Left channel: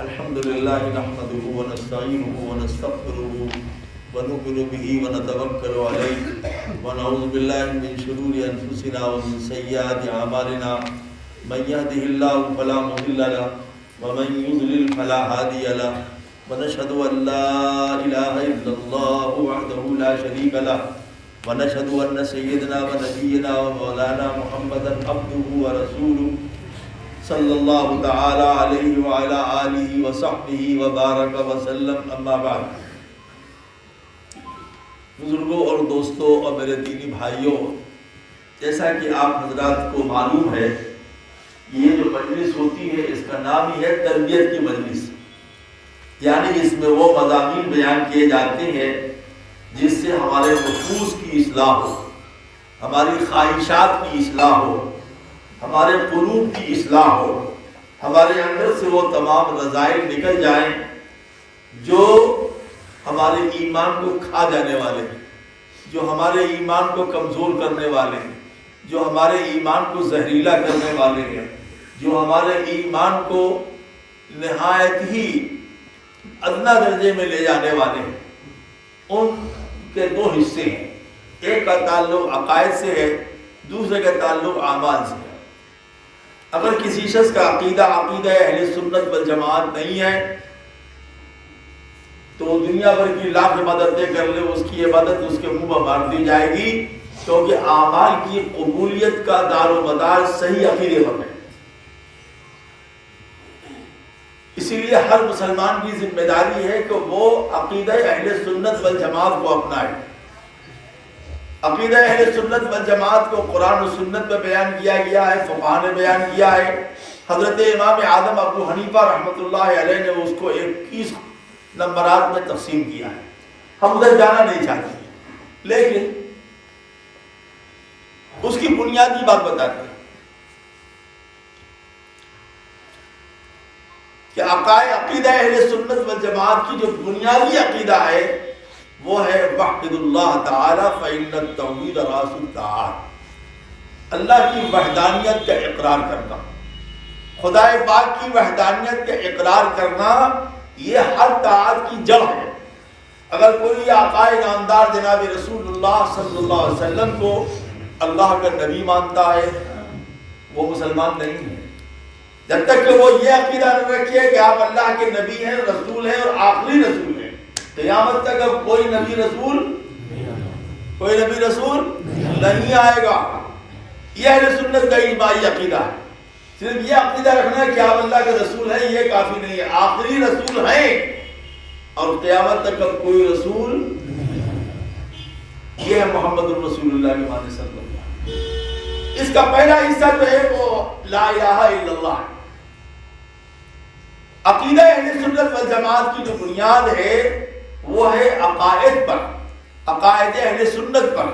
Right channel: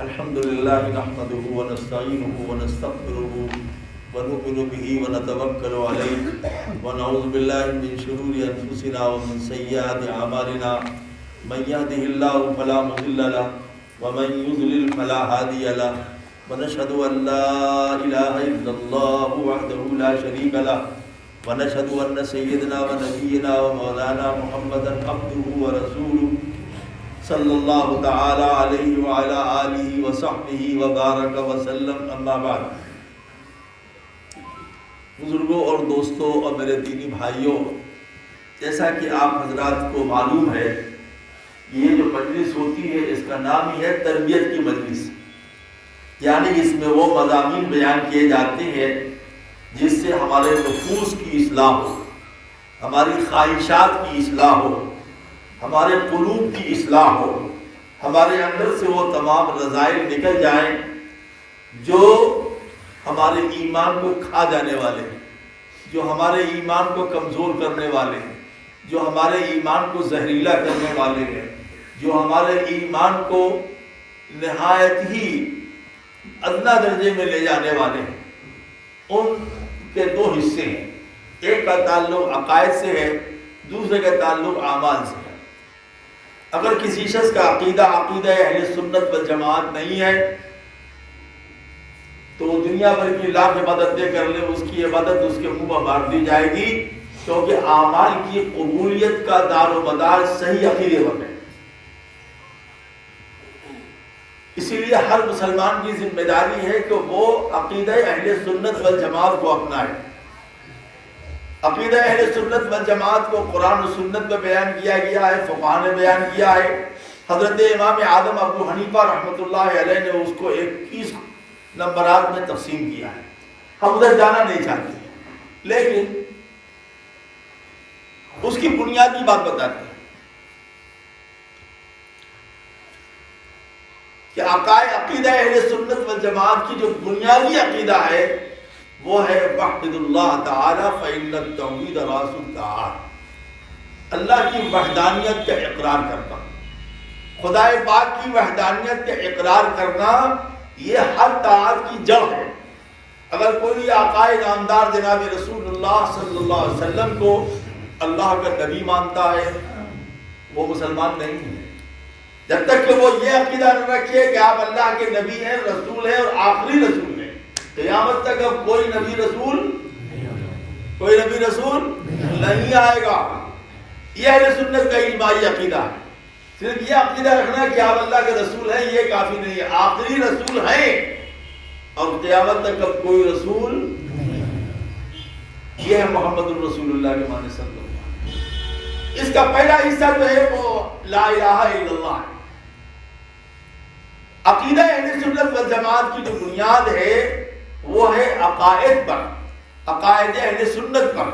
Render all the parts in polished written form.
الحمد لله نحمده ونستعينه ونستغفره ونؤمن به ونتوكل عليه ونعوذ بالله من شرور أنفسنا ومن سيئات أعمالنا من يهده الله فلا مضل له ومن يضلل فلا هادي له ونشهد أن لا إله إلا الله وحده لا شريك له ونشهد أن سيدنا ونبينا ومولانا محمدا عبده ورسوله صلی اللہ تعالی علیہ وعلی آلہ وصحبہ وبارک وسلم، اما بعد۔ بزرگوں اور دوستوں اور میرے دینی بھائیوں، جیسا کہ آپ حضرات کو معلوم ہے، یہ جو مجلس ہوتی ہے اس کا نام ہی ہے تربیت کی مجلس، یعنی اس میں وہ مضامین بیان کیے جاتے ہیں جس سے ہمارے نفوس کی اصلاح ہو، ہماری خواہشات کی اصلاح ہو، ہمارے قلوب کی اصلاح ہو، ہمارے اندر سے وہ تمام رذائل نکل جائیں جو ہمارے ایمان کو کھا جانے والے ہیں، جو ہمارے ایمان کو کمزور کرنے والے ہیں، جو ہمارے ایمان کو زہریلا کرنے والے ہیں، جو ہمارے ایمان کو نہایت ہی ادنا درجے میں لے جانے والے ہیں۔ ان کے دو حصے ہیں، ایک کا تعلق عقائد سے ہے، دوسرے کا تعلق اعمال سے ہے۔ اگر کسی شخص کا عقیدہ اہل سنت والجماعت نہیں ہے تو دنیا بھر کی لاکھ عبادتیں کر لے، اس کی عبادت اس کے منہ میں مار دی جائے گی، کیونکہ اعمال کی قبولیت کا دار و مدار صحیح عقیدے پر ہے۔ اسی لیے ہر مسلمان کی ذمہ داری ہے کہ وہ عقیدہ اہل سنت والجماعت کو اپنائے۔ عقیدہ اہل سنت والجماعت کو قرآن و سنت میں بیان کیا گیا ہے، فقہاء نے بیان کیا ہے۔ حضرت امام اعظم ابو حنیفہ رحمۃ اللہ علیہ نے اس کو 21 نمبرات میں تقسیم کیا ہے۔ ہم ادھر جانا نہیں چاہتے، لیکن اس کی بنیادی بات بتاتے ہیں کہ عقیدہ اہل سنت والجماعت کی جو بنیادی عقیدہ ہے وہ ہے وحد اللہ تعالی فإن التوحید رأس الطاعات، اللہ کی وحدانیت کا اقرار کرنا، خدا پاک کی وحدانیت کا اقرار کرنا، یہ ہر طاعت کی جڑ ہے۔ اگر کوئی آقا نامدار جناب رسول اللہ صلی اللہ علیہ وسلم کو اللہ کا نبی مانتا ہے وہ مسلمان نہیں ہے، جب تک کہ وہ یہ عقیدہ نہ رکھے کہ آپ اللہ کے نبی ہیں، رسول ہیں اور آخری رسول ہیں۔ قیامت تک اب کوئی نبی رسول نہیں آئے گا۔ یہ اہل سنت کا اجماعی عقیدہ ہے۔ صرف یہ عقیدہ رکھنا ہے کہ آپ اللہ کے رسول ہیں یہ کافی نہیں ہے، آخری رسول ہیں اور قیامت تک اب کوئی رسول، یہ ہے محمد الرسول اللہ کے معنی صلی اللہ علیہ وسلم۔ اس کا پہلا حصہ جو ہے وہ لا الہ الا اللہ ہے۔ عقیدہ اہل سنت والجماعت کی جو بنیاد ہے وہ ہے عقائد پر، عقائد اہل سنت پر،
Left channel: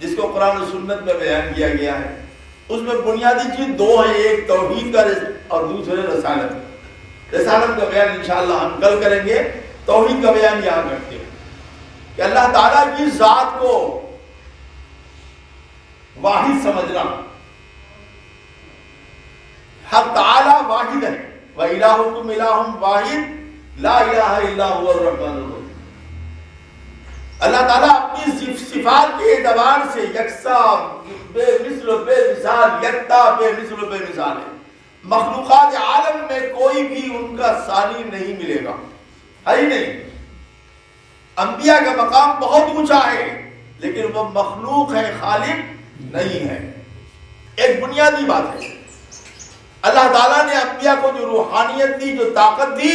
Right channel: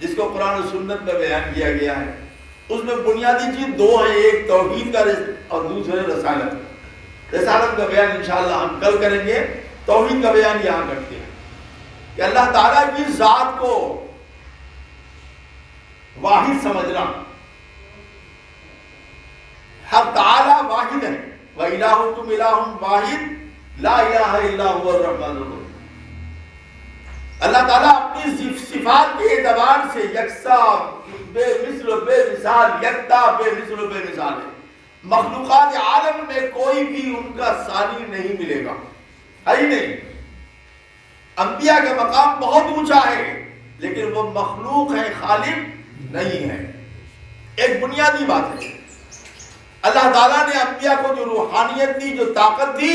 جس کو قرآن و سنت میں بیان کیا گیا ہے۔ اس میں بنیادی چیز دو ہیں، ایک توحید کا اور دوسرے رسالت۔ رسالت کا بیان انشاءاللہ ہم کل کریں گے، توحید کا بیان یہاں کرتے ہیں کہ اللہ تعالیٰ کی ذات کو واحد سمجھنا، حق تعالیٰ واحد ہے، وَإِلَٰهُكُمْ إِلَٰهٌ وَاحِدٌ لا الہ الا هو الرحمن الرحیم۔ اللہ تعالیٰ اپنی صفات کے اعتبار سے یکساں، بے مثل و بے مثال، یکتا بے مثل و بے مثال ہے۔ مخلوقات عالم میں کوئی بھی ان کا ثانی نہیں ملے گا، ہے ہی نہیں۔ انبیاء کا مقام بہت اونچا ہے لیکن وہ مخلوق ہیں، خالق نہیں ہے۔ ایک بنیادی بات ہے، اللہ تعالیٰ نے انبیاء کو جو روحانیت دی، جو طاقت دی،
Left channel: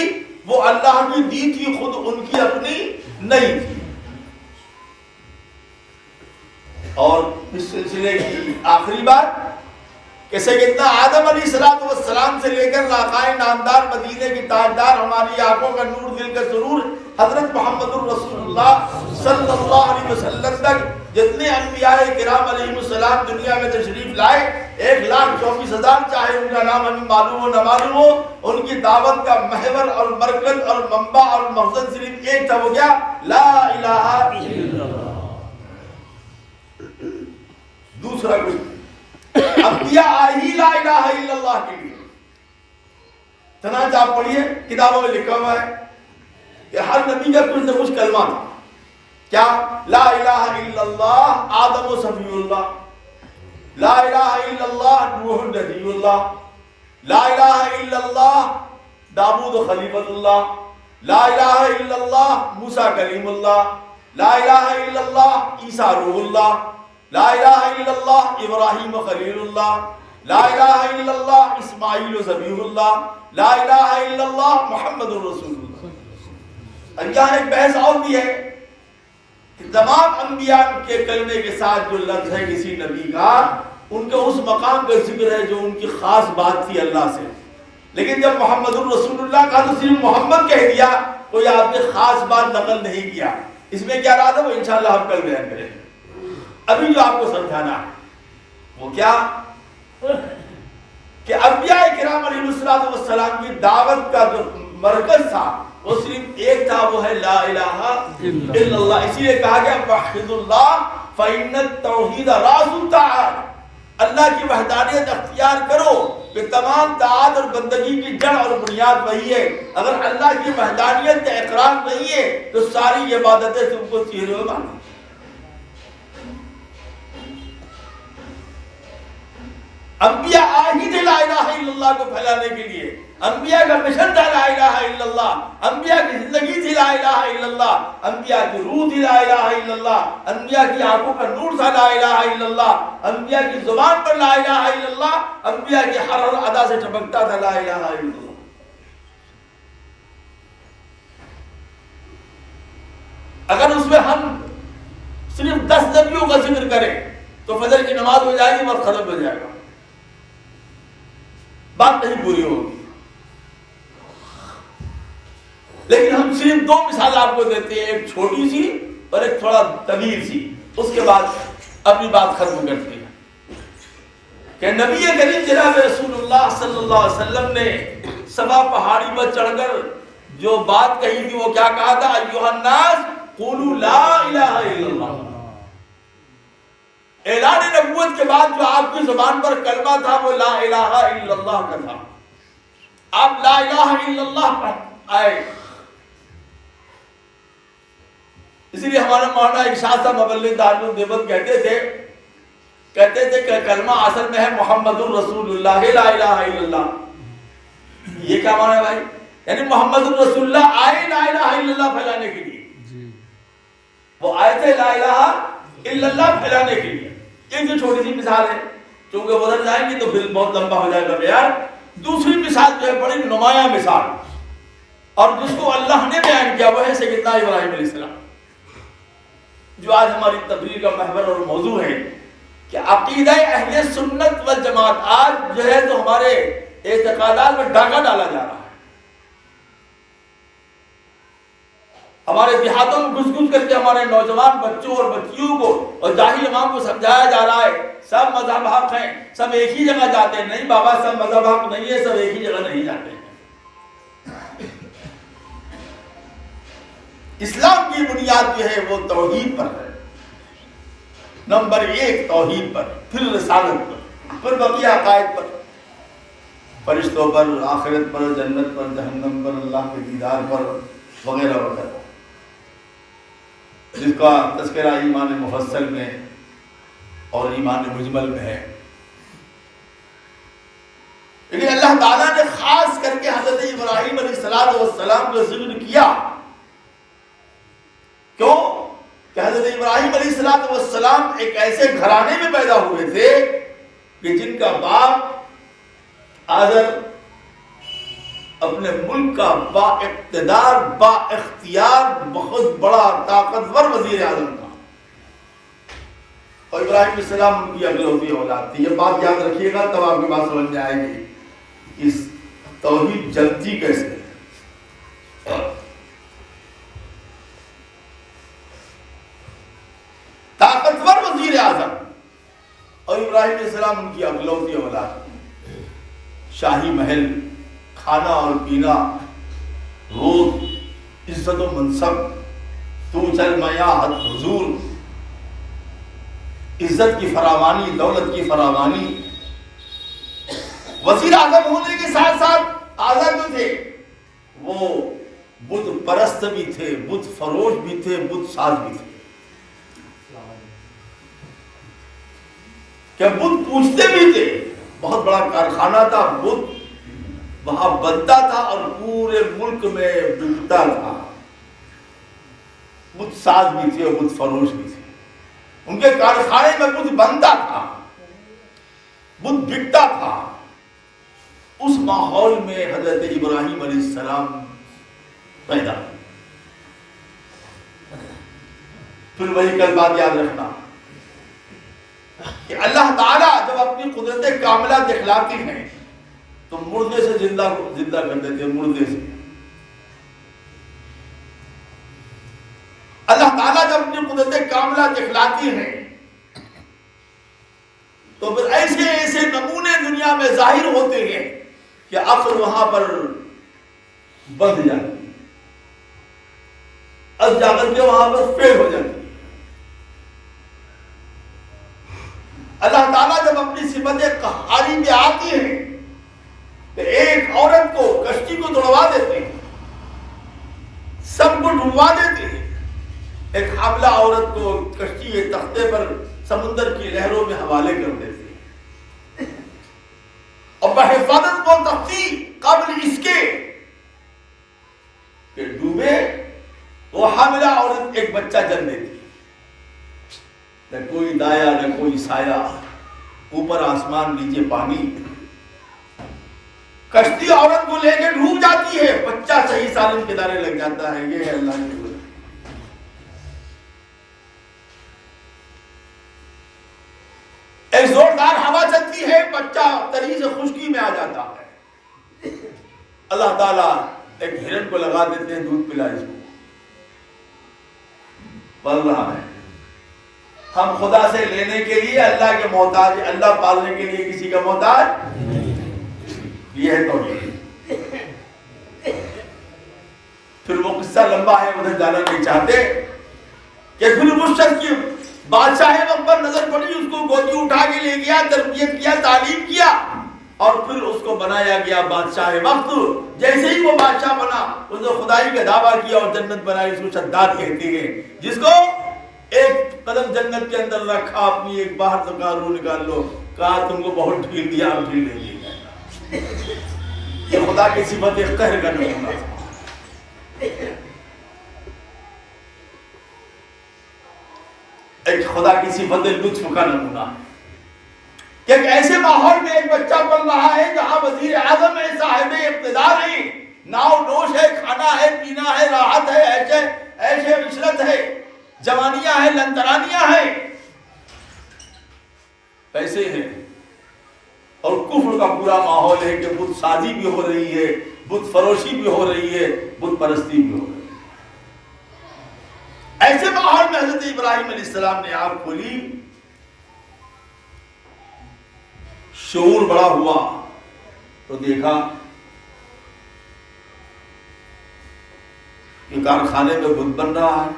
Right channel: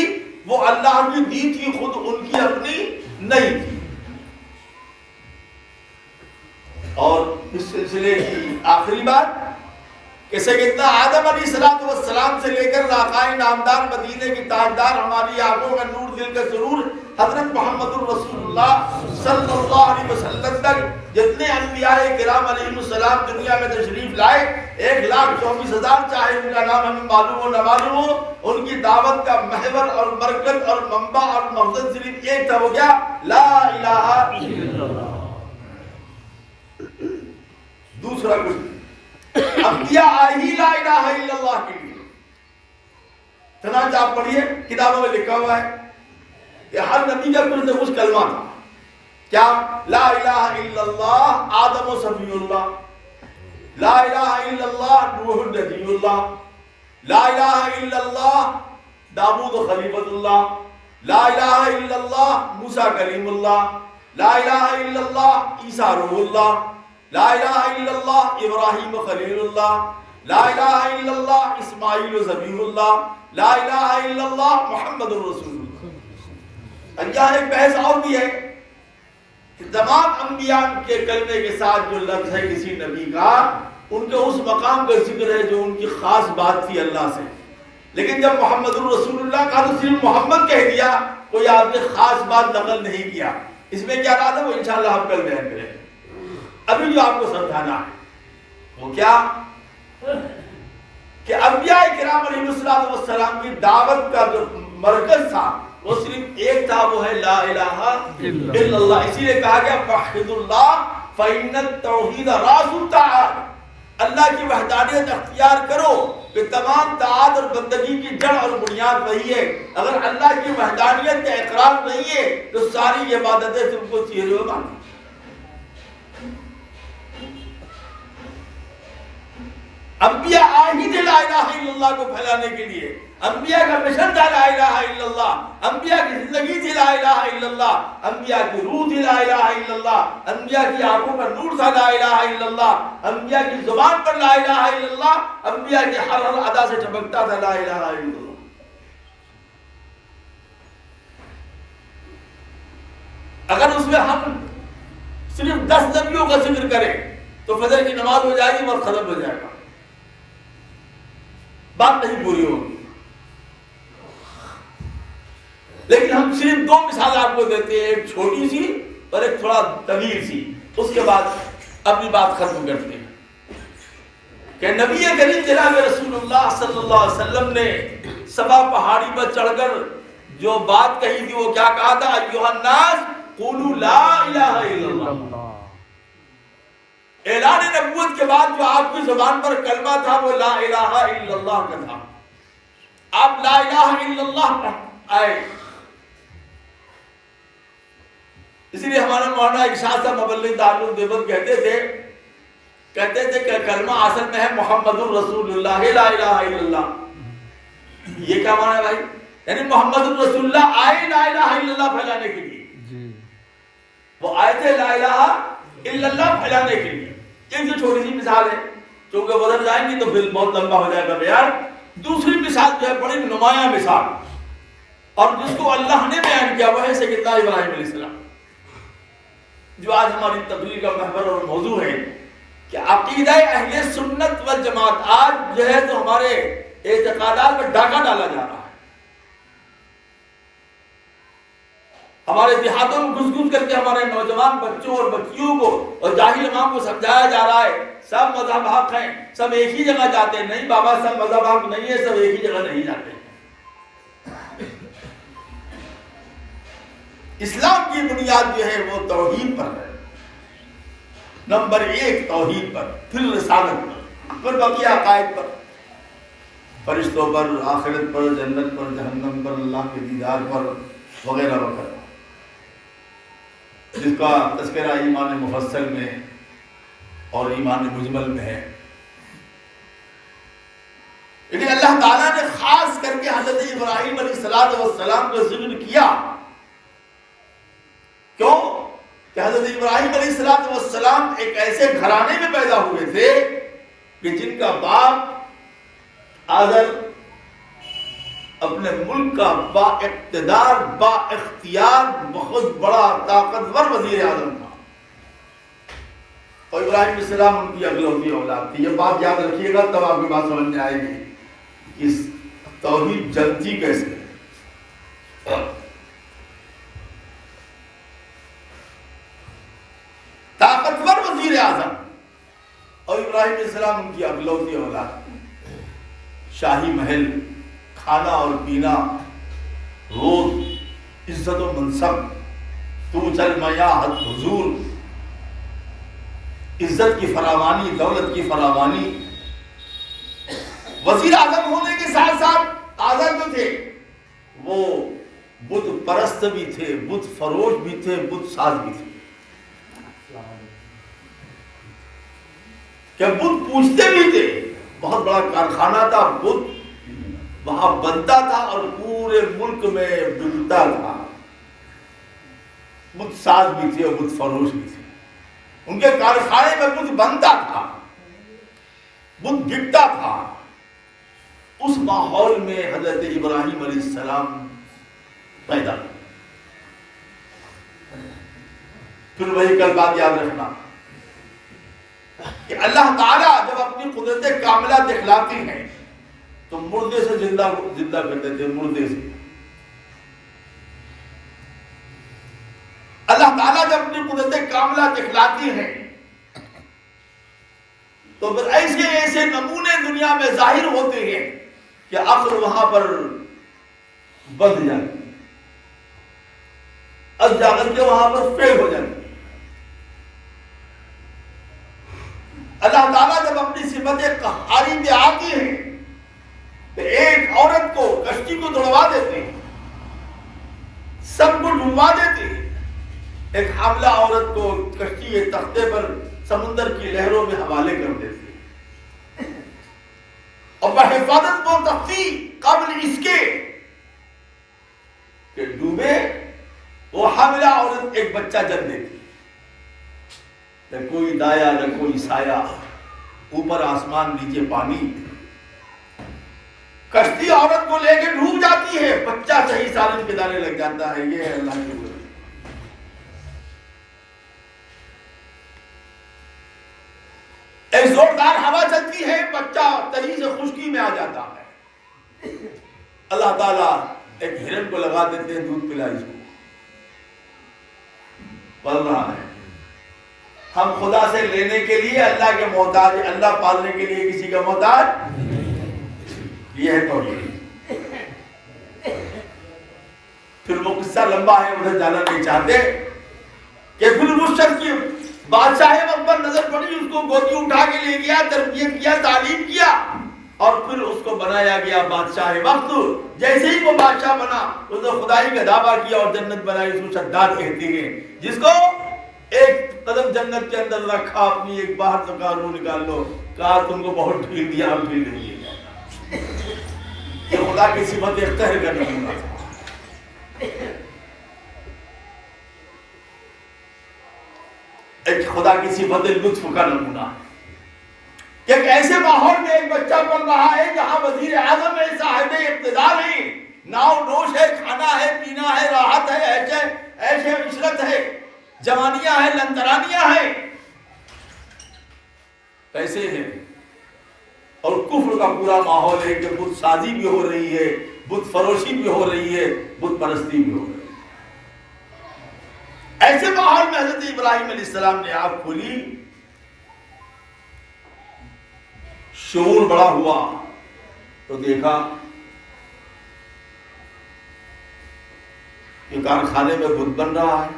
وہ اللہ کی دی تھی، خود ان کی اپنی نہیں تھی۔ اور اس سلسلے کی آخری بات کہ سیدنا آدم علیہ السلام سے لے کر آقائے نامدار مدینے کی تاجدار، ہماری آنکھوں کا نور، دل کا سرور، حضرت محمد الرسول اللہ صلی اللہ علیہ وسلم تک جتنے انبیاء کرام علیہ السلام دنیا میں تشریف لائے، 1,24,000، چاہے ان کا نام ہمیں معلوم ہو نہ معلوم ہو، ان کی دعوت کا محور اور مرکز اور منبع اور مقصد صرف ایک تھا، وہ کیا؟ لا الہ الا اللہ۔ دوسرا کچھ انبیاء آئے ہی لا الہ الا اللہ کے لیے، چنانچہ آپ پڑھیے کتابوں میں لکھا ہوا ہے کہ ہر نبی کا کچھ نہ کچھ کلمہ تھا. کیا؟ لا الہ الا اللہ آدم و صفی اللہ، لا الہ الا اللہ نوح نبی اللہ، لا الہ الا اللہ داؤد و خلیفۃ اللہ، لا الہ الا اللہ موسیٰ کلیم اللہ، لا الہ الا اللہ عیسیٰ روح اللہ، لا الہ الا اللہ ابراہیم و خلیل اللہ، لا الہ الا اللہ اسماعیل و ذبیح اللہ، لا الہ الا اللہ محمد رسول اللہ. یہاں ایک بحث اور بھی ہے کہ تمام انبیاء کے کلمے کے ساتھ جو لفظ ہے کسی نبی کا، ان کے اس مقام کا ذکر ہے جو ان کی خاص بات تھی اللہ سے. لیکن جب محمد الرسول اللہ کا تو صرف محمد کہہ دیا، کوئی آپ نے خاص بات نقل نہیں کیا. اس میں کیا رات ہے وہ انشاءاللہ ہم کل بیان کریں گے. ابھی جو آپ کو سمجھانا ہے وہ کیا کہ انبیاء کرام علیہ السلام کی دعوت کا جو مرکز تھا وہ صرف ایک تھا، وہ ہے لا الہ الا اللہ. اسی لیے کہا گیا وحد اللہ فإن التوحید راس الطاعات، اللہ کی وحدانیت اختیار کرو کہ تمام طاعت اور بندگی کی جڑ اور بنیاد وہی ہے. اگر اللہ کی وحدانیت کا اقرار نہیں ہے تو ساری عبادتیں تم کو چہرے مانی. انبیاء آئی تھے لا الہ الا اللہ کو پھیلانے کے لیے، انبیاء کا مشن تھا لا الہ الا اللہ، انبیاء کی زندگی تھی لا الہ الا اللہ، انبیاء کی روح تھی لا الہ الا اللہ، انبیاء کی آنکھوں کا نور تھا لا الہ الا اللہ، انبیاء کی زبان پر لا الہ الا اللہ، انبیاء کی ہر ادا سے چمکتا تھا لا الہ الا اللہ. اگر اس میں ہم صرف 10 نبیوں کا ذکر کریں تو فجر کی نماز ہو جائے گی اور ختم ہو جائے گا، بات نہیں پوری ہوگی. لیکن ہم صرف 2 مثال آپ کو دیتے ہیں، ایک چھوٹی سی اور ایک تھوڑا طویل سی، اس کے بعد اپنی بات ختم کرتے ہیں کہ نبی کریم جناب رسول اللہ صلی اللہ علیہ وسلم نے صفا پہاڑی پر چڑھ کر جو بات کہی تھی وہ کیا کہا تھا؟ ایھا الناس قولوا لا الہ الا اللہ. اعلان نبوت کے بعد جو آپ کی زبان پر کلمہ تھا وہ لا الہ الا اللہ کا تھا. آپ لا الہ الا اللہ پر آئے. اسی لیے ہمارا مولانا ارشاد صاحب مبلغ دارالعلوم دیوبند کہتے تھے کہ کلمہ اصل میں ہے محمد الرسول اللہ لا الہ الا اللہ. یہ کیا معنی ہے بھائی؟ یعنی محمد الرسول اللہ آئے لا الہ الا اللہ پھیلانے کے لیے. وہ آئے تھے لا الہ الا اللہ پھیلانے کے لیے. ایک جو چھوٹی سی مثال ہے، چونکہ ادھر جائیں گے تو پھر بہت لمبا ہو جائے گا بیان. دوسری مثال جو ہے بڑی نمایاں مثال اور جس کو اللہ نے بیان کیا وہ ہے سیدنا ابراہیم علیہ السلام، جو آج ہماری تقریر کا محور اور موضوع ہے کہ عقیدہ اہل سنت والجماعت آج جو ہے تو ہمارے اعتقادات میں ڈاکہ ڈالا جا رہا ہے. ہمارے دیہاتوں میں گھس گھس کر کے ہمارے نوجوان بچوں اور بچیوں کو اور جاہل عوام کو سمجھایا جا رہا ہے سب مذہب حق ہیں، سب ایک ہی جگہ جاتے ہیں. نہیں بابا، سب مذہب حق نہیں ہے، سب ایک ہی جگہ نہیں جاتے ہیں. اسلام کی بنیاد جو ہے وہ توحید پر ہے. نمبر 1 توحید پر، پھر رسالت پر، پھر بقیہ عقائد پر، فرشتوں پر، آخرت پر، جنت پر، جہنم پر، اللہ کے دیدار پر وغیرہ وغیرہ، جس کا تذکرہ ایمان مفصل میں اور ایمان مجمل میں ہے. لیکن اللہ تعالیٰ نے خاص کر کے حضرت ابراہیم علیہ السلام کا ذکر کیا. کیوں؟ کہ حضرت ابراہیم علیہ السلام ایک ایسے گھرانے میں پیدا ہوئے تھے کہ جن کا باپ آزر اپنے ملک کا با اقتدار، با اختیار، بہت بڑا طاقتور وزیر اعظم تھا اور ابراہیم علیہ السلام ان کی اگلوتی اولاد تھی. یہ بات یاد رکھیے گا تب آپ کی بات سمجھ میں آئے گی کہ توحید جلتی کیسے ہے. طاقتور وزیر اعظم اور ابراہیم علیہ السلام ان کی اگلوتی اولاد. شاہی محل، کھانا اور پینا، روز، عزت و منصب، تو چل میاں حضور، عزت کی فراوانی، دولت کی فراوانی. وزیر اعظم ہونے کے ساتھ ساتھ آزا جو تھے وہ بت پرست بھی تھے، بت فروش بھی تھے، بت ساز بھی تھے، کہ بت پوجتے بھی تھے۔ بہت بڑا کارخانہ تھا، بت وہاں بنتا تھا اور پورے ملک میں بکتا تھا۔ بت ساز بھی تھے اور بت فروش بھی تھے، ان کے کارخانے میں بت بنتا تھا، بت بکتا تھا۔ اس ماحول میں حضرت ابراہیم علیہ السلام پیدا۔ پھر وہی کل بات یاد رکھنا کہ اللہ تعالیٰ جب اپنی قدرت کاملہ دکھلاتی ہیں تو مردے سے زندہ کر دیتے ہیں، مردے سے۔ اللہ تعالیٰ جب اپنی قدرت کاملہ دکھلاتی ہیں تو پھر ایسے ایسے نمونے دنیا میں ظاہر ہوتے ہیں کہ عقل وہاں پر بندھ جاتی ہے، از جا کر کے وہاں پر فیل ہو جاتی ہے۔ اللہ تعالیٰ جب اپنی صفت قہاری میں آتی ہے تو ایک عورت کو کشتی کو دوڑوا دیتے ہیں، سب کو ڈوبوا دیتے ہیں، ایک حاملہ عورت کو کشتی کے تختے پر سمندر کی لہروں میں حوالے کر دیتے ہیں، اور بحفاظت و تختی قبل اس کے کہ ڈوبے وہ حاملہ عورت ایک بچہ جنم دیتی، نہ کوئی دایا نہ کوئی سایہ، اوپر آسمان نیچے پانی، کشتی عورت کو لے کے ڈوب جاتی ہے، بچہ صحیح سالم کنارے لگ جاتا ہے۔ یہ ہے اللہ کی قدرت۔ ایک زوردار ہوا چلتی ہے، بچہ تری سے خشکی میں آ جاتا ہے، اللہ تعالیٰ ایک ہرن کو لگا دیتے ہیں، دودھ پلائی کو، پل رہا ہے۔ ہم خدا سے لینے کے لیے اللہ کے محتاج، اللہ پالنے کے لیے کسی کا محتاج نہیں۔ یہ ہے توحید۔ پھر وہ قصہ لمبا ہے، ادھر جانا نہیں چاہتے کہ پھر اس شخص کی بادشاہ وقت پر نظر پڑی، اس کو گودی اٹھا کے لے گیا، تربیت کیا، تعلیم کیا، اور پھر اس کو بنایا گیا بادشاہ وقت۔ جیسے ہی وہ بادشاہ بنا اس نے خدائی کا دعویٰ کیا اور جنت بنائی، اس کو شداد کہتے ہیں، جس کو ایک قدم جنت کے اندر رکھا، اپنی ایک باہر کا روح نکال لو، کہا تم کو بہت ڈھیل دیا، اب ڈھیل نہیں دیا۔ یہ خدا کی صفت قہر کا نمونہ، ایک خدا کی صفت لطف کا نمونہ کہ ایک ایسے ماحول میں ایک بچہ پل رہا ہے جہاں وزیر اعظم ہے، صاحب اقتدار ہے، ناؤ نوش ہے، کھانا ہے، پینا ہے، راحت ہے، ایسے عشرت ہے، جوانیاں ہیں، لنترانیاں ہیں، پیسے ہیں، اور کفر کا پورا ماحول ہے کہ بت سازی بھی ہو رہی ہے، بت فروشی بھی ہو رہی ہے، بت پرستی بھی ہو رہی ہے۔ ایسے ماحول میں حضرت ابراہیم علیہ السلام نے آنکھ کھولی، شعور بڑا ہوا تو دیکھا کہ کارخانے میں بت بن رہا ہے،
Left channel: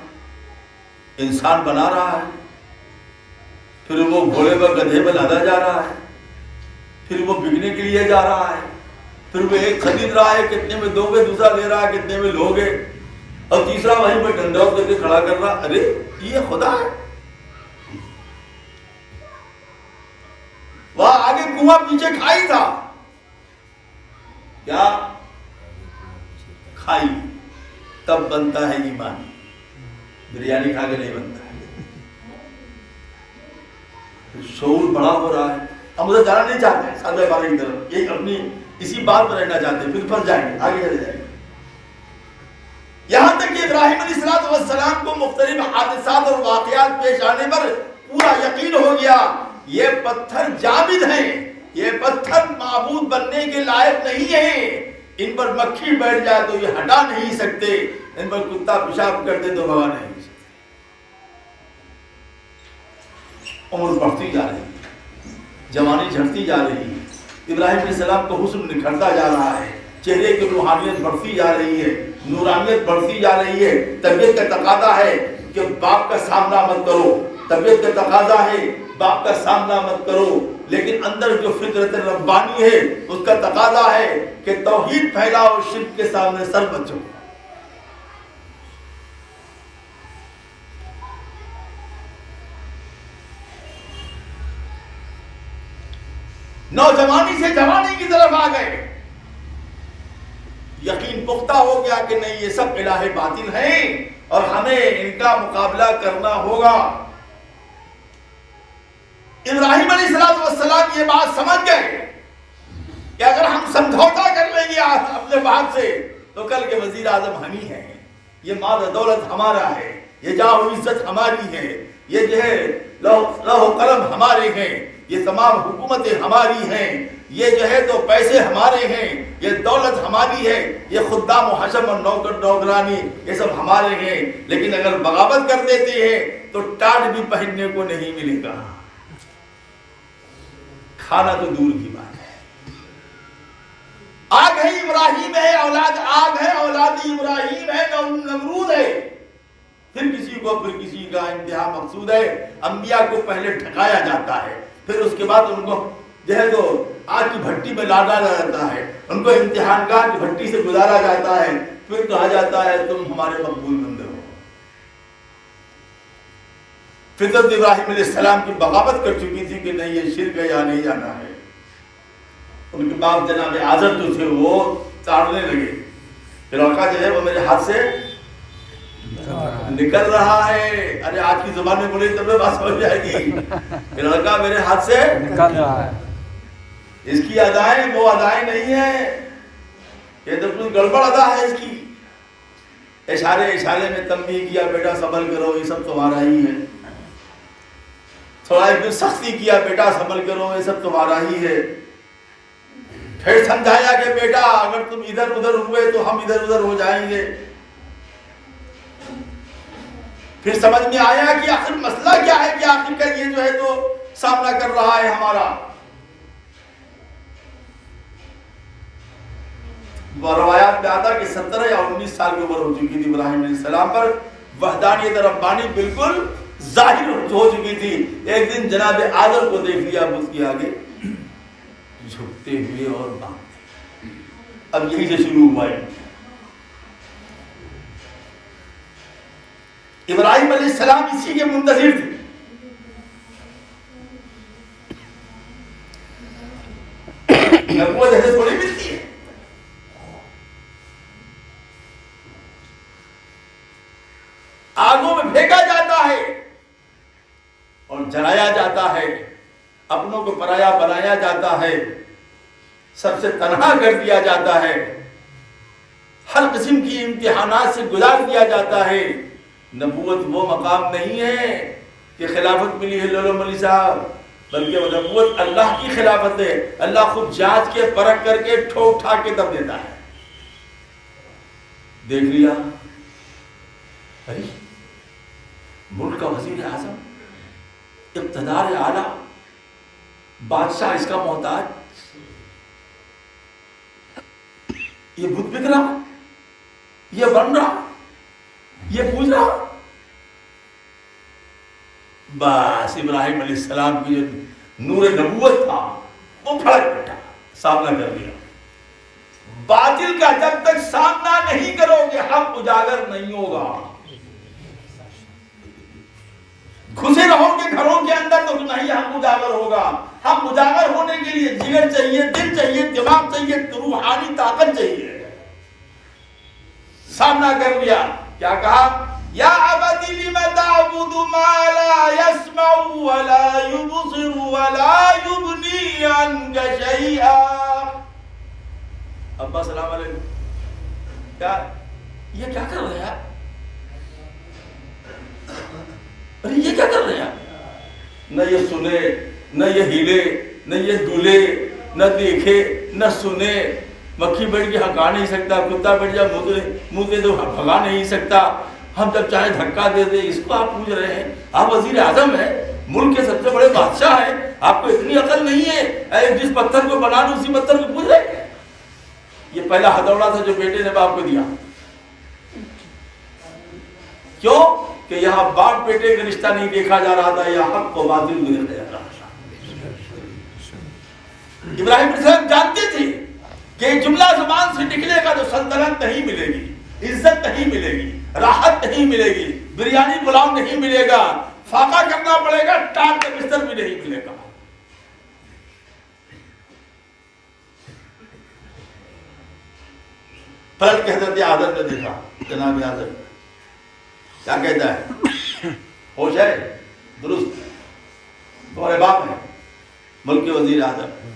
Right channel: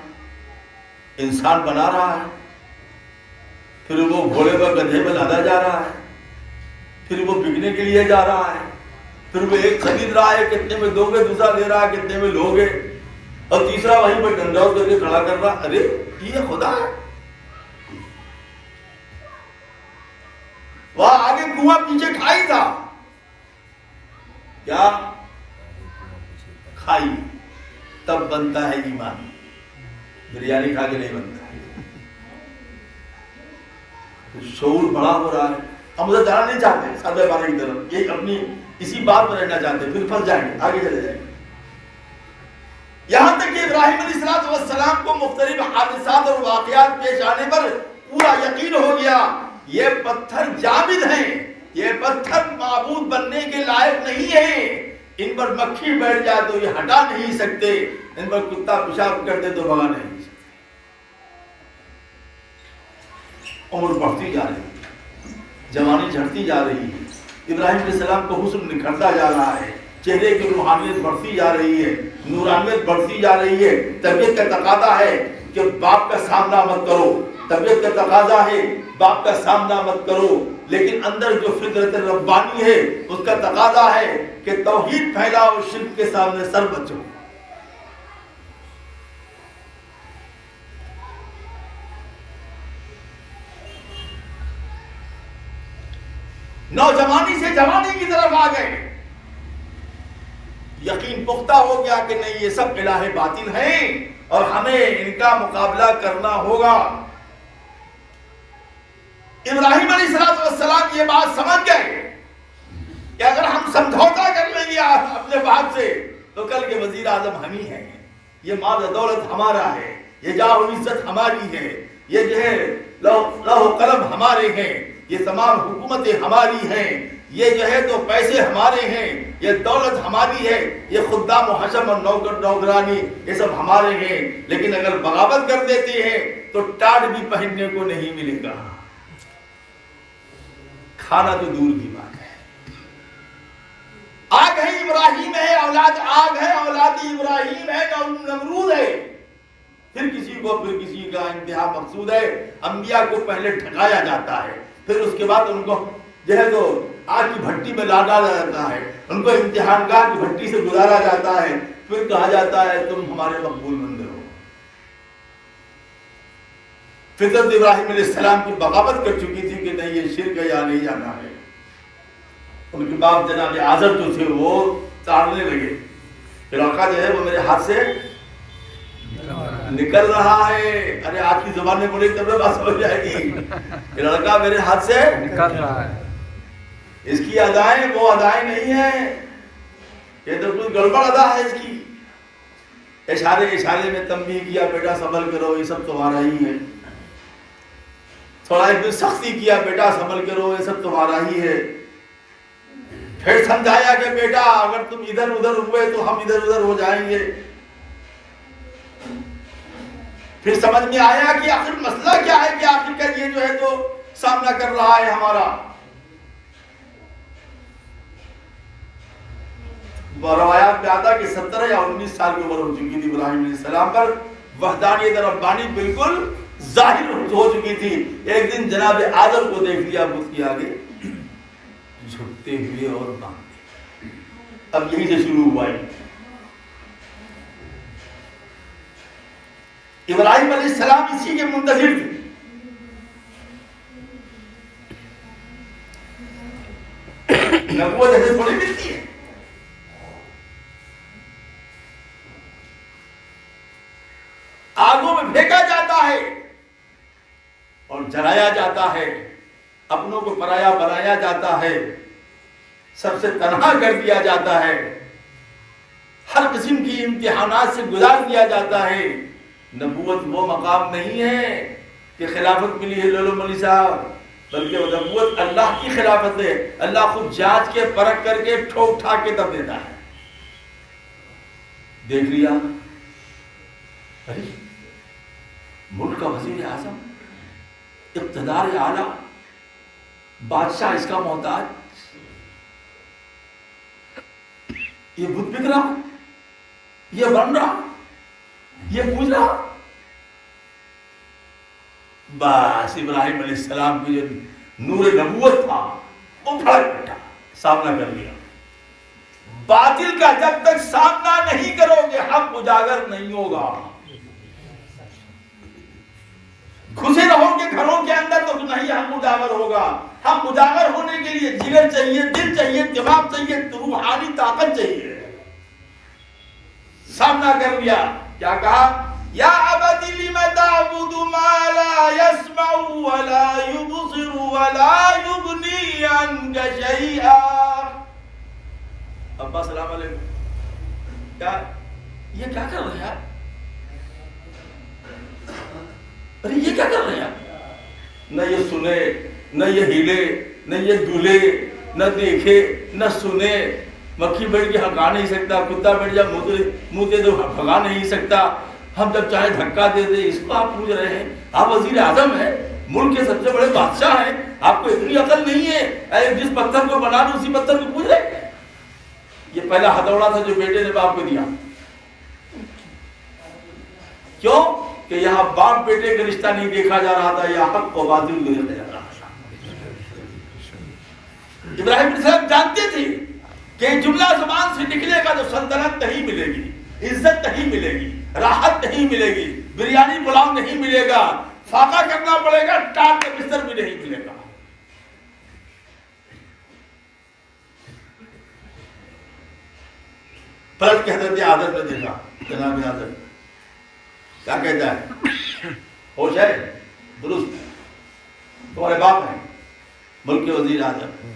انسان بنا رہا ہے، پھر وہ گھوڑے پر گدھے پر لادا جا رہا ہے، پھر وہ بکنے کے لیے جا رہا ہے، پھر وہ ایک خرید رہا ہے، کتنے میں دو گے، دوسرا لے رہا ہے، کتنے میں لوگے، اور تیسرا وہیں پر ڈنڈور کر کے کھڑا کر رہا۔ ارے یہ خدا ہے! وہاں آگے کنواں پیچھے کھائی تھا، کیا کھائی؟ تب بنتا ہے ایمان، بریانی کھا کے نہیں بنتا ہے۔ شعور بڑا ہو رہا ہے، ہم ادھر جانا نہیں چاہتے، سادہ بارے کی طرف، یہ اپنی اسی بات پر رہنا چاہتے، پھر پھنس جائیں گے، آگے چلے جائیں گے۔ یہاں تک کہ ابراہیم علیہ السلام کو مختلف حادثات اور واقعات پیش آنے پر پورا یقین ہو گیا یہ پتھر جامد ہیں، یہ پتھر معبود بننے کے لائق نہیں ہے، ان پر مکھی بیٹھ جائے تو یہ ہٹا نہیں سکتے، ان پر کتا پیشاب کر دے تو بھگا نہیں سکتے۔ عمر بڑھتی جا رہی ہے، جوانی جھڑتی جا رہی ہے، ابراہیم علیہ السلام کو حسن نکھرتا جا رہا ہے، چہرے کی روحانیت بڑھتی جا رہی ہے، نورانیت بڑھتی جا رہی ہے۔ طبیعت کا تقاضا ہے کہ باپ کا سامنا مت کرو، طبیعت کا تقاضا ہے باپ کا سامنا مت کرو، لیکن اندر جو فطرت ربانی ہے اس کا تقاضا ہے کہ توحید پھیلاؤ، شرک کے سامنے سر بچو۔ نوجوانی سے جوانی کی طرف آ گئے، یقین پختہ ہو گیا کہ نہیں یہ سب الہ باطل ہیں اور ہمیں ان کا مقابلہ کرنا ہوگا۔ ابراہیم علیہ السلام یہ بات سمجھ گئے کہ اگر ہم سمجھوتا کر لیں گے اپنے باپ سے تو کل کے وزیر اعظم ہم ہی ہیں، یہ مال دولت ہمارا ہے، یہ جاہ و عزت ہماری ہے، یہ جو ہے لوح و قلم ہمارے ہیں، یہ تمام حکومتیں ہماری ہیں، یہ جو ہے تو پیسے ہمارے ہیں، یہ دولت ہماری ہے، یہ خدام و حشم اور نوکر نوکرانی یہ سب ہمارے ہیں۔ لیکن اگر بغاوت کر دیتے ہیں تو ٹاٹ بھی پہننے کو نہیں ملے گا، کھانا تو دور کی بات ہے۔ آگ ہے ابراہیم ہے، اولاد آگ ہے، اولاد ابراہیم ہے، نمرود ہے، پھر کسی کا انتہا مقصود ہے۔ انبیاء کو پہلے ٹھکایا جاتا ہے، پھر اس کے بعد ان کو جو ہے تو آگ کی بھٹی میں لا ڈالا جاتا ہے، ان کو امتحان گاہ کی بھٹی سے گزارا جاتا ہے، پھر کہا جاتا ہے تم ہمارے مقبول بندے ہو۔ فطرت ابراہیم علیہ السلام کی بغاوت کر چکی تھی کہ نہیں یہ شرک ہے یا نہیں جانا ہے۔ ان کے باپ جناب آزر جو تھے وہ تاڑنے لگے کہ لڑکا جو ہے وہ میرے ہاتھ سے نکل رہا ہے۔ ارے آج کی زبان میں بولی تب بات سمجھ جائے گی، یہ لڑکا میرے ہاتھ سے نکل رہا ہے، اس کی ادائیں وہ ادائیں نہیں ہیں، یہ تو کچھ گڑبڑ ادا ہے اس کی۔ اشارے میں تنبیہ کیا بیٹا سنبھل کرو، یہ سب تمہارا ہی ہے۔ تھوڑا ایک دن سختی کیا بیٹا سنبھل کرو، یہ سب تمہارا ہی ہے۔ پھر سمجھایا کہ بیٹا اگر تم ادھر ادھر ہوئے تو ہم ادھر ادھر ہو جائیں گے۔ پھر سمجھ میں آیا کہ آخر مسئلہ کیا ہے کہ آخر کا یہ جو ہے تو سامنا کر رہا ہے ہمارا۔ روایات میں آتا کہ 17 یا 19 سال کی عمر ہو چکی تھی ابراہیم علیہ السلام پر، وحدانیت ربانی بالکل ظاہر ہو چکی تھی۔ ایک دن جناب آدم کو دیکھ لیا بت کے آگے جھکتے ہوئے اور مانگتے۔ اب یہی سے شروع ہوا ہے۔ ابراہیم علیہ السلام اسی کے منتظر تھے۔ نبوت ایسے تھوڑی ملتی ہے، آگوں میں پھینکا جاتا ہے اور جلایا جاتا ہے، اپنوں کو پرایا بنایا جاتا ہے، سب سے تنہا کر دیا جاتا ہے، ہر قسم کی امتحانات سے گزار دیا جاتا ہے۔ نبوت وہ مقام نہیں ہے کہ خلافت ملی ہے لولو ملی صاحب، بلکہ نبوت اللہ کی خلافت ہے۔ اللہ خود جانچ کے پرکھ کر کے ٹھوک ٹھاک کے تب دیتا ہے۔ دیکھ لیا ارے ملک کا وزیر اعظم، اقتدار اعلیٰ، بادشاہ اس کا محتاج، یہ بت بک رہا، یہ بن رہا، یہ پوچھ رہا۔ بس ابراہیم علیہ السلام کی جو نور نبوت تھا وہ پھڑک اٹھا، سامنا کر لیا۔ باطل کا جب تک سامنا نہیں کرو گے حق اجاگر نہیں ہوگا۔ گھسے رہو گے گھروں کے اندر تو نہیں حق اجاگر ہوگا۔ حق اجاگر ہونے کے لیے جگر چاہیے، دل چاہیے، دماغ چاہیے، روحانی طاقت چاہیے۔ سامنا کر لیا، کیا کہا؟ یا ابت لم تعبد ما لا يسمع ولا يبصر ولا يغني عنك شيئا۔ ابا السلام علیکم، کیا یہ کیا کر رہے ہیں آپ؟ ارے یہ کیا کر رہے ہیں آپ؟ نہ یہ سنے، نہ یہ ہلے، نہ یہ دولے، نہ دیکھے، نہ سنے۔ مکھی بیٹھ کے ہکا نہیں سکتا، کتا بیٹھ جا منہ دے دو بھگا نہیں سکتا، ہم جب چاہے دھکا دے دے۔ اس کو آپ پوچھ رہے ہیں؟ آپ وزیر اعظم ہیں، ملک کے سب سے بڑے بادشاہ ہیں، آپ کو اتنی عقل نہیں ہے جس پتھر کو بنا لو اسی پتھر کو پوچھ رہے ہیں؟ یہ پہلا ہتھوڑا تھا جو بیٹے نے باپ کو دیا۔ کیوں؟ کہ یہاں باپ بیٹے کا رشتہ نہیں دیکھا جا رہا تھا، یہاں حق و باطل کو دیکھا جا رہا تھا۔ ابراہیم علیہ السلام جانتے تھے کہ جملہ زبان سے نکلے گا تو سلطنت نہیں ملے گی، عزت نہیں ملے گی، راحت نہیں ملے گی، بریانی پلاؤ نہیں ملے گا، فاقہ کرنا پڑے گا، ٹاٹ کا بستر بھی نہیں ملے گا۔ پلٹ کے حضرت آدم نے دیکھا، جناب آدم کیا کہتا ہے؟ ہوش ہے؟ درست، تمہارے باپ ہیں، ملک کے وزیر اعظم ہیں۔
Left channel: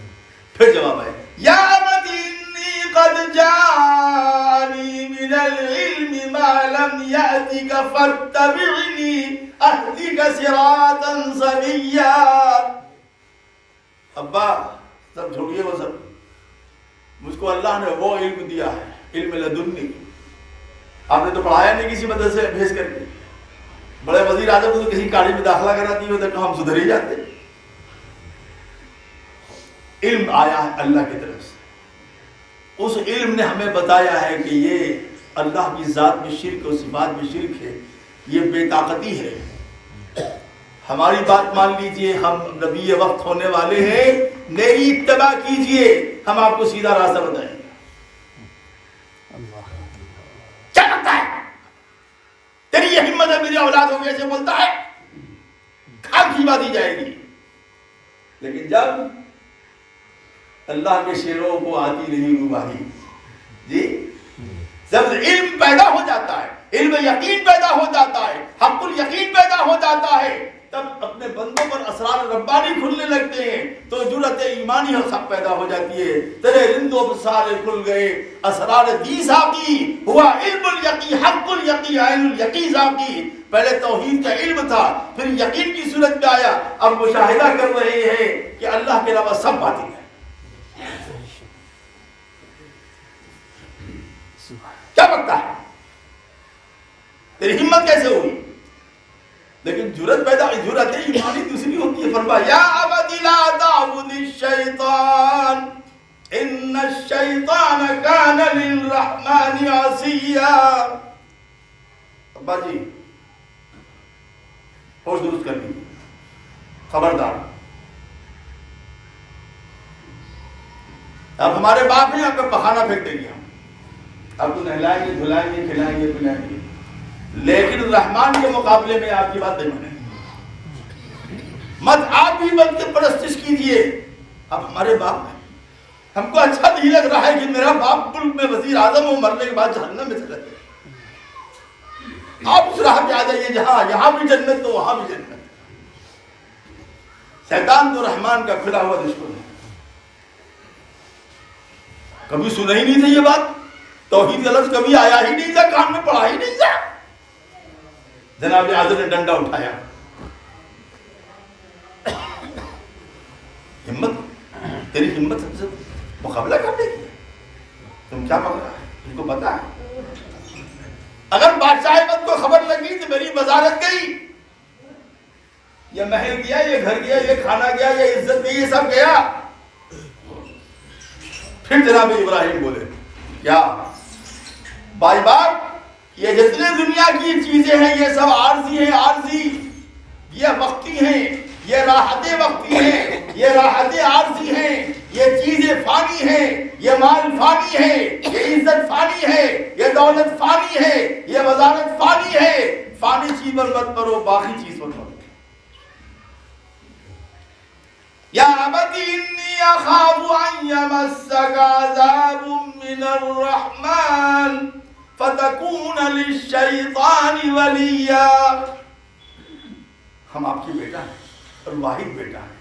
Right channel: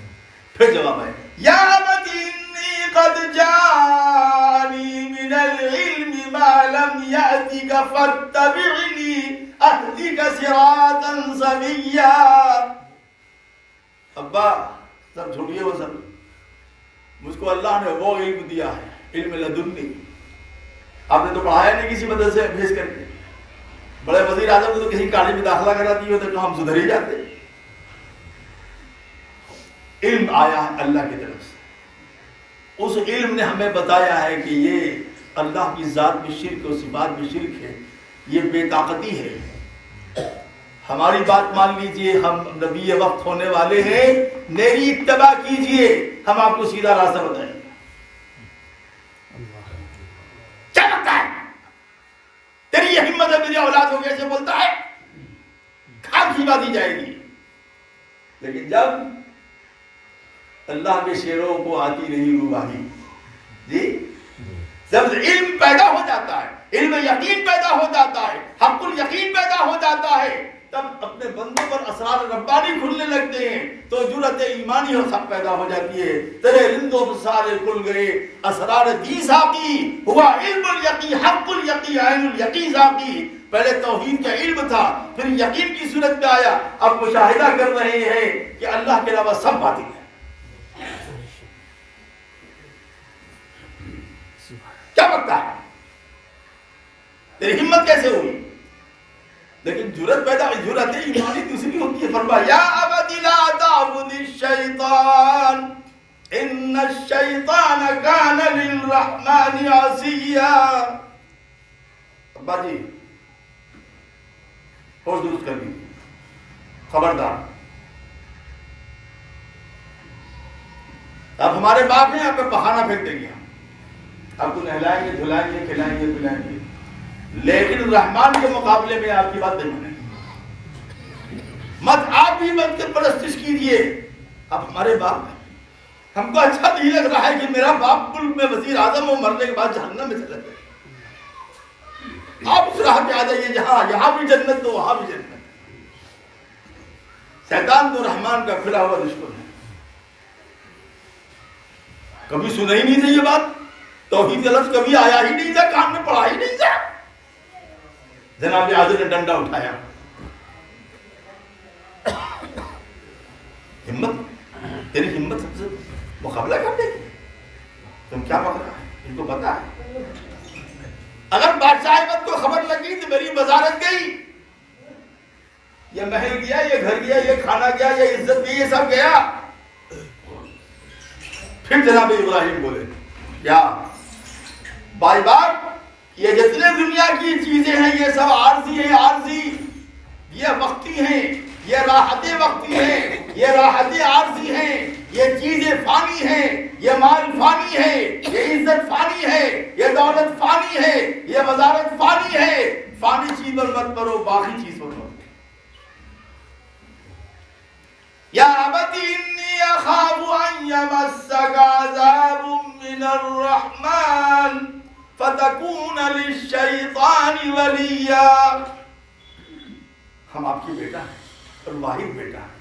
پھر جواب ہے یا ابت انی قد جانی من العلم ما لم یأتک فاتبعنی اہدک صراطا سویا۔ ابا سب چھوڑیے وہ سب، مجھ کو اللہ نے وہ علم دیا ہے، علم لدنی۔ آپ نے تو پڑھایا نہیں کسی مدرسے میں بھیج کر کے، بڑے وزیر اعظم نے تو کہیں کالج میں داخلہ کرا دی ہوتا کہ ہم سدھر ہی جاتے۔ علم آیا اللہ کی طرف سے، اس علم نے ہمیں بتایا ہے کہ یہ اللہ کی ذات میں شرک اور صفات میں شرک ہے، یہ بے طاقتی ہے۔ ہماری بات مان لیجئے، ہم نبی وقت ہونے والے ہیں، میری اتباع کیجئے، ہم آپ کو سیدھا راستہ بتائیں گے۔ کیا لگتا ہے تیری یہ ہمت ہے میری اولاد ہو کے ایسے بولتا ہے؟ کھال کھلوا دی جائے گی۔ لیکن جب اللہ کے شیروں کو آتی رہی روباہی، جی جب علم پیدا ہو جاتا ہے، علم یقین پیدا ہو جاتا ہے، حق الیقین پیدا ہو جاتا ہے، تب اپنے بندوں پر اسرار ربانی کھلنے لگتے ہیں، تو جرأت ایمانی اور سب پیدا ہو جاتی ہے۔ تیرے رندوں پر سارے کھل گئے، اسرار دی ساقی ہوا علم الیقین، حق الیقین، عین الیقین ساقی۔ پہلے توحید کا علم تھا، پھر یقین کی صورت میں آیا، اب مشاہدہ کر رہے ہیں کہ اللہ کے علاوہ سب باطل ہے۔ کیا بکتا ہے؟ تیری ہمت کیسے ہوئی؟ لیکن جرأت پیدا، جرأت ایمانی دوسری ہوتی ہے۔ فرمایا یا ابت لا تعبد الشیطان ان الشیطان کان للرحمن عصیا۔ ابا جی ہوش درست کر لیجیے، خبردار، اب ہمارے باپ ہیں، آپ پہ پخانا پھینک دیں گے، آپ کو نہلائیں گے، دھلائیں گے، کھلائیں گے، پلائیں گے، لیکن رحمان کے مقابلے میں آپ کی بات نہیں مانیں گے۔ مت آپ بھی بن کے پرستش کیجئے، اب ہمارے باپ ہیں، ہم کو اچھا نہیں لگ رہا ہے کہ میرا باپ ملک میں وزیر اعظم ہو، مرنے کے بعد جہنم میں چلا جائے۔ آپ اس راہ پہ آ جائیے جہاں یہاں بھی جنت تو وہاں بھی جنت۔ شیطان تو رحمان کا کھلا ہوا دشمن ہے۔ کبھی سنا ہی نہیں تھا یہ بات، توحید کا لفظ کبھی آیا ہی نہیں تھا، کان میں پڑا ہی نہیں تھا۔ جناب اعظم نے ڈنڈا اٹھایا، ہمت، تیری ہمت سے مقابلہ کر دے گی؟ تم کیا پکڑا ہے؟ ان کو پتا ہے اگر بادشاہ احمد کو خبر لگی تو میری وزارت گئی، یہ محل گیا، یہ گھر گیا، یہ کھانا گیا، یہ عزت گئی، یہ سب گیا۔ پھر جناب ابراہیم بولے کیا بائی بات، یہ جتنے دنیا کی چیزیں ہیں یہ سب عارضی ہیں، عارضی، یہ وقتی ہیں، یہ راحتیں وقتی ہیں، یہ راحتیں عارضی ہیں، یہ چیزیں فانی ہیں، یہ مال فانی ہے، یہ عزت فانی ہے، یہ دولت فانی ہے، یہ وزارت فانی ہے۔ فانی چیز پر مت پڑو، باقی چیز پر پڑو۔ یا ابت انی اخاف ان یمسک عذاب من الرحمن فتکون للشیطان ولیا۔ ہم آپ کی بیٹا ہیں اور واحد بیٹا ہیں،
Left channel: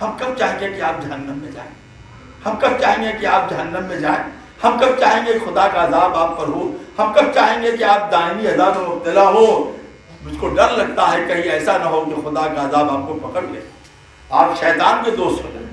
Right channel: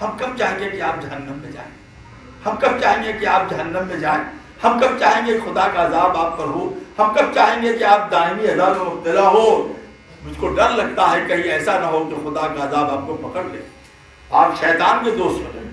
ہم کب چاہیں گے کہ آپ جہنم میں جائیں؟ ہم کب چاہیں گے کہ آپ جہنم میں جائیں؟ ہم کب چاہیں گے خدا کا عذاب آپ پر ہو؟ ہم کب چاہیں گے کہ آپ دائمی عذاب میں مبتلا ہو؟ مجھ کو ڈر لگتا ہے کہیں ایسا نہ ہو کہ خدا کا عذاب آپ کو پکڑ لے، آپ شیطان کے دوست ہو جائیں۔